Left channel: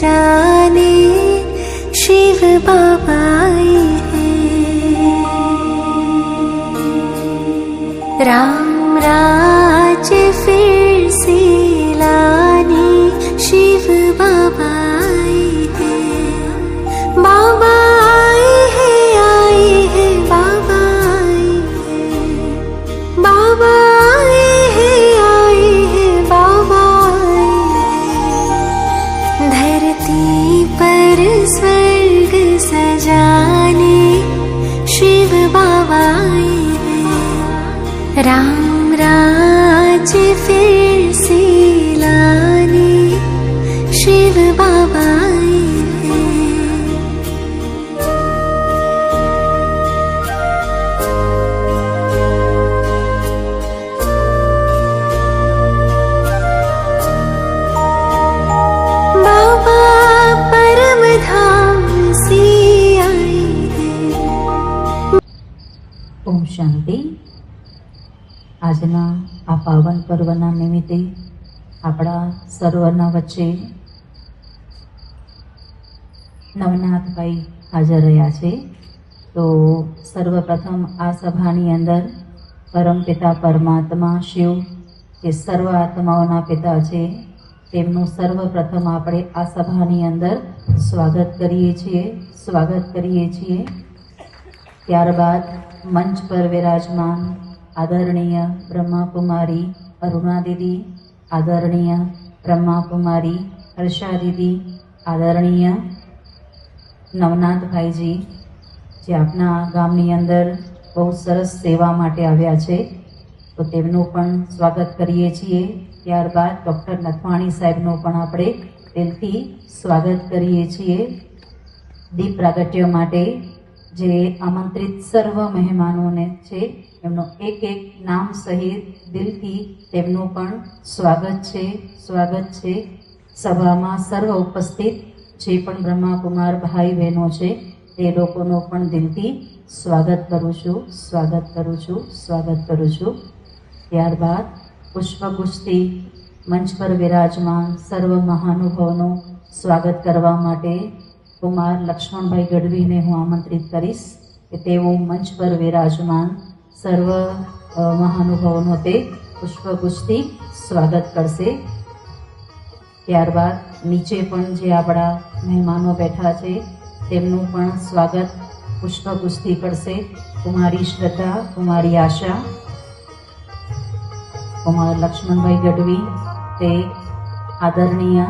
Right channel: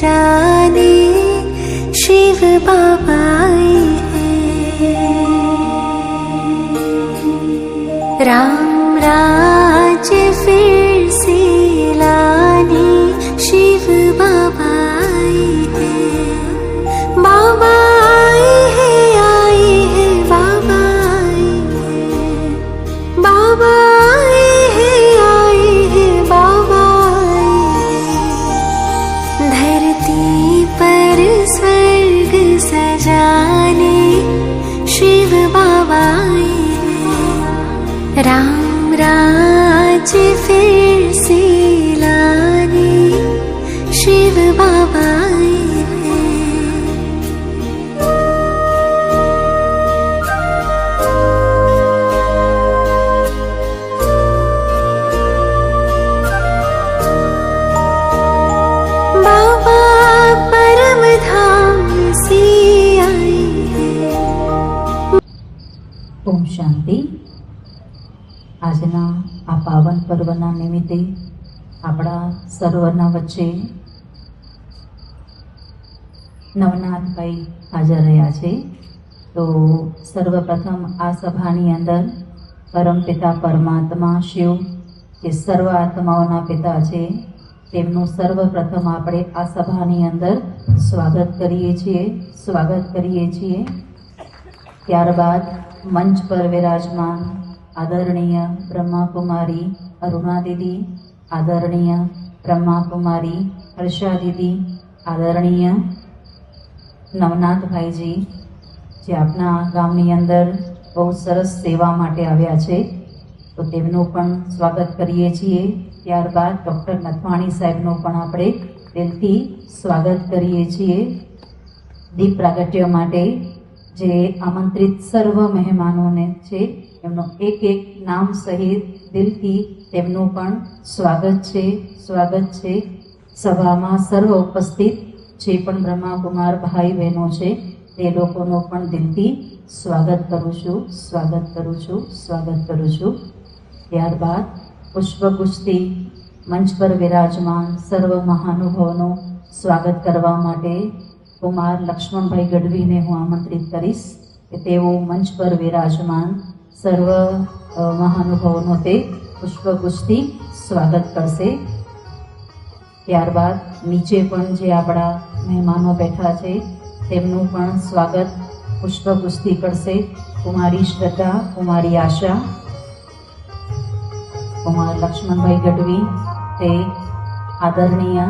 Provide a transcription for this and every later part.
सजाने शिव बाबा आए हैं। राम राज्य फिर से लाने शिव बाबा आए हैं। बाबा आए हैं बाबा आए हैं। बाबा आए हैं बाबा आए हैं। धरती पर स्वर्ग सजाने शिव बाबा आए हैं। राम राज्य फिर से लाने शिव बाबा आए हैं। बाबा परम धाम से आए हैं। ओम शांति। આજના આ પાવન પર્વના નિમિત્તે આપણા સર્વના વચ્ચે નવનાથભાઈ હાજર રહ્યા છે. તો સર્વપ્રથમ આ સભાની અંદર પરમપિતા પરમાત્મા શિવ જે સર્વ આત્માઓના પિતા છે તેમનું સર્વપ્રથમ આપણે આ સભાની અંદર સ્વાગત કરીએ છીએ. ત્યારબાદ મંચ પર વિરાજમાન આદરણીય બ્રહ્માકુમારી અરુણા દીદી, આદરણીય બ્રહ્માકુમારી હર્ષા દીદી, આદરણીય નવનાથભાઈજી જે આપણા ગામની અંદર બહુ સરસ સેવા માટે આવ્યા છે તો તેમનું પણ સ્વાગત કરીએ છીએ. ત્યારબાદ ડૉક્ટર નથવાણી સાહેબનું પણ આપણે દિલથી સ્વાગત કરીએ છીએ. દીપ પ્રાગટ્ય માટે જે આમંત્રિત સર્વ મહેમાનોને છે એમનું એક નામ સહિત દિલથી તેમનું પણ સ્વાગત છે. સભામાં સર્વ ઉપસ્થિત જે પણ બ્રહ્માકુમાર ભાઈ બહેનો છે તે લોકોનું પણ દિલથી સ્વાગત કરું છું. ત્યારબાદ પુષ્પ કુસ્તી મંચ પર વિરાજમાન સર્વ મહાનુભાવોનું સ્વાગત કરવા માટે કુમાર લક્ષ્મણભાઈ ગઢવીને હું આમંત્રિત કરીશ કે તેઓ મંચ પર વિરાજમાન સર્વ મહાનુભાવોનો તે પુષ્પ કુસ્તી સ્વાગત કરશે. ત્યારબાદ નીચે પણ જે આપણા મહેમાનો બેઠા છે તેમનું પણ સ્વાગત પુષ્પ કુસ્તી કરશે. કુમારી શ્રદ્ધા, કુમારી આશા, કુમાર લક્ષ્મણભાઈ ગઢવી તે આદરણીય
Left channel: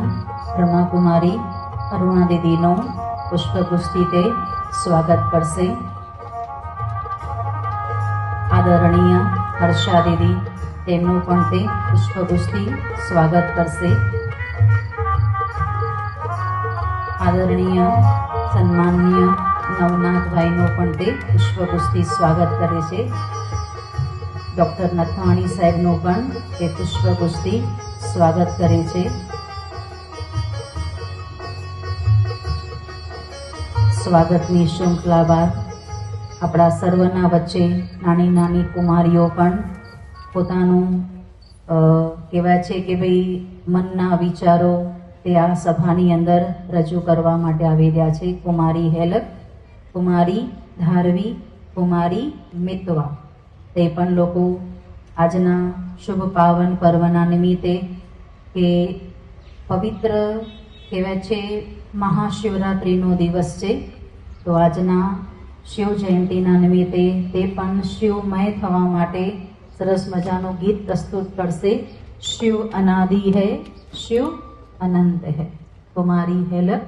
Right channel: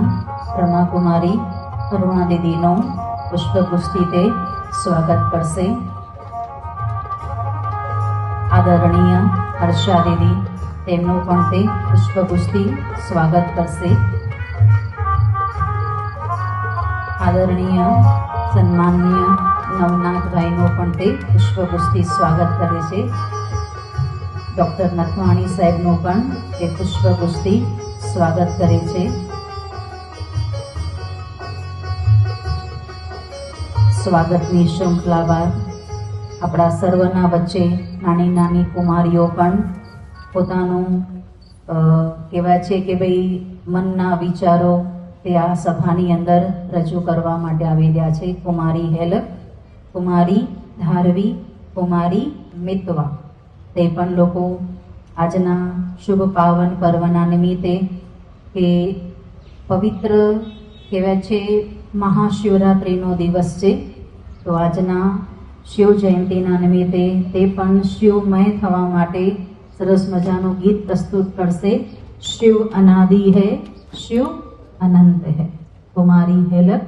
બ્રહ્માકુમારી અરુણા દીદીનો પુષ્પ કુસ્તી તે સ્વાગત કરશે. આદરણીય હર્ષા દીદી તેમનું પણ તે પુષ્પ કુસ્તી સ્વાગત કરશે. આદરણીય સન્માનનીય નવનાથભાઈનું પણ તે પુષ્પ કુસ્તી સ્વાગત કરે છે. ડૉક્ટર નથવાણી સાહેબનું પણ તે પુષ્પ કુસ્તી સ્વાગત કરે છે. સ્વાગતની શૃંખલા બાદ આપણા સર્વના વચ્ચે નાની નાની કુમારીઓ પણ પોતાનું કહેવાય છે કે ભાઈ મનના વિચારો તે આ સભાની અંદર રજૂ કરવા માટે આવી રહ્યા છે. કુમારી હેલક, કુમારી ધારવી, કુમારી મિતવા તે પણ લોકો આજના શુભ પાવન પર્વના નિમિત્તે કે પવિત્ર કહેવાય છે મહાશિવરાત્રિનો દિવસ છે તો આજના શિવ જયંતિના નિમિત્તે તે પણ શિવમય થવા માટે સરસ મજાનું ગીત પ્રસ્તુત કરશે. શિવ અનાદિ હૈ, શિવ અનંત હૈ. કુમારી હેલક